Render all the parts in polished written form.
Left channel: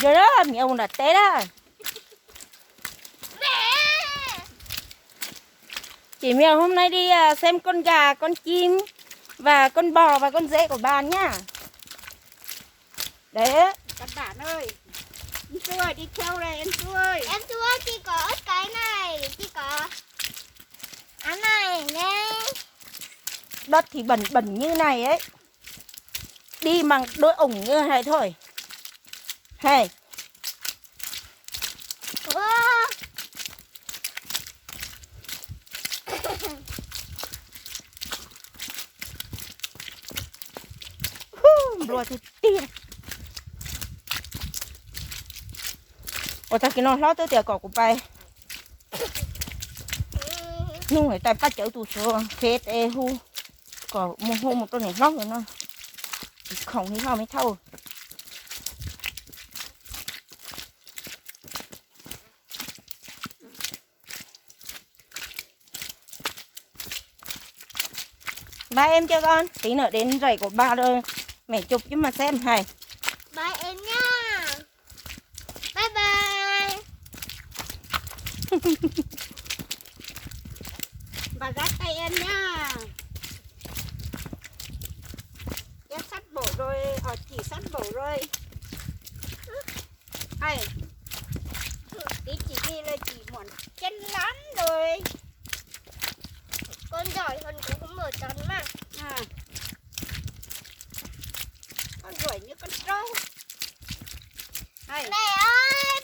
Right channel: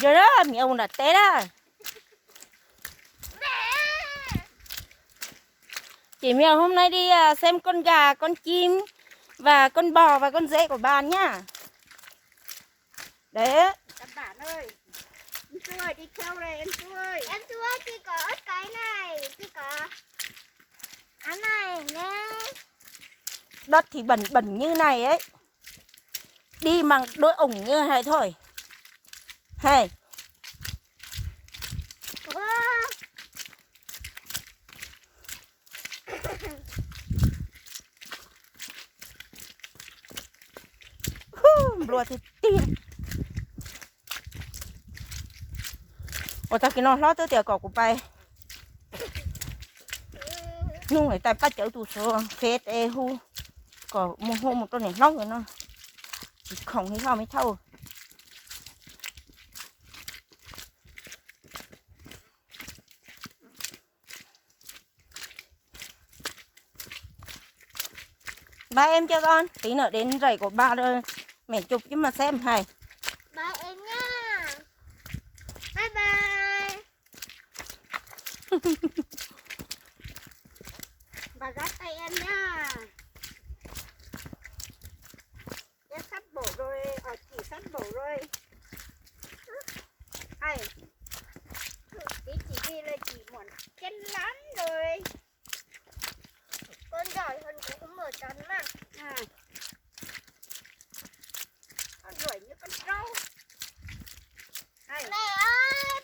Giờ đó mẹ ông đặt té đó. Chị Mèo hôm nay đi xem con gà, con chim và con bò và con dê của bạn nhá. Đấy. Các bạn ơi, em Su ơi, đi theo đây em Su ơi. Em Su ơi, chị có ít cái này, chị có ăn này nè. Đất thì bẩn bẩn như này ấy. Đi bằng đôi ủng như này thôi. Hey. Wow. Rồi thì tiền. Ôi ta kia nó lót tới tiểu cỏ của bay. Nhưng người ta bắt chở tù số phết ê hu. Còn một hôm một tôi này lót rồi nó. Không thấy nào mới thâu. Ba em cho con, tí nữa đến rầy của ba rồi mẹ chụp chứ mà xem hay. Bye em nha. Bye bye. Bà dắt tay em nhá. Em sắp bổ rồi, chị sắp bổ rồi. Ai? Tí chị đi lên chị muốn chân lắm rồi. Con giỏi hơn cũng không mở tròn mà. À. Con rủi như con trâu. Hay. Mẹ ơi,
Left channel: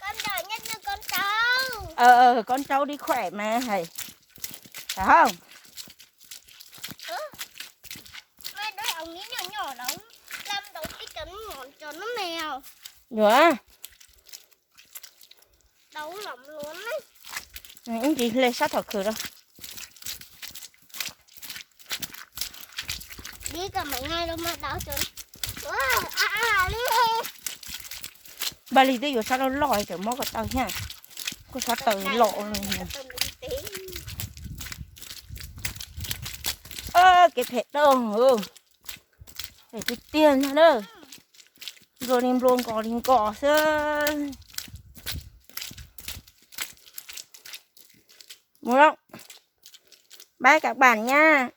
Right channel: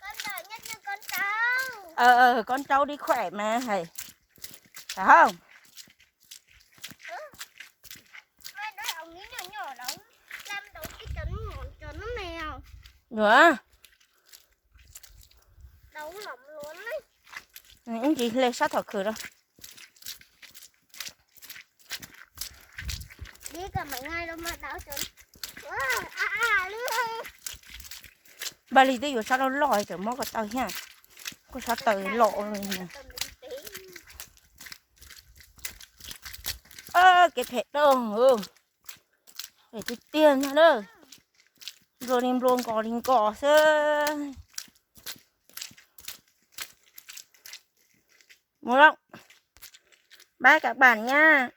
con giỏi nhất như con trâu. Con trâu đi khỏe mà thầy. Phải không? Mẹ đôi ống ní nhỏ nhỏ đó. Làm đấu cái chấn ngọn cho nó mèo. Nữa. Đấu lắm luôn đấy. Những gì lên sát thật khử đâu. Đi cả mấy ngày đâu mà đau chân. Wow, ảo đi. Bà lý tí sao nó lòi kiểu móc vào tao nha. Cô sao tao lộ. Cái thẻ đâu. Để cái tiền nha đâu. Rồi em luôn có linh cỏ xưa. Đúng không? Bye các bạn nha.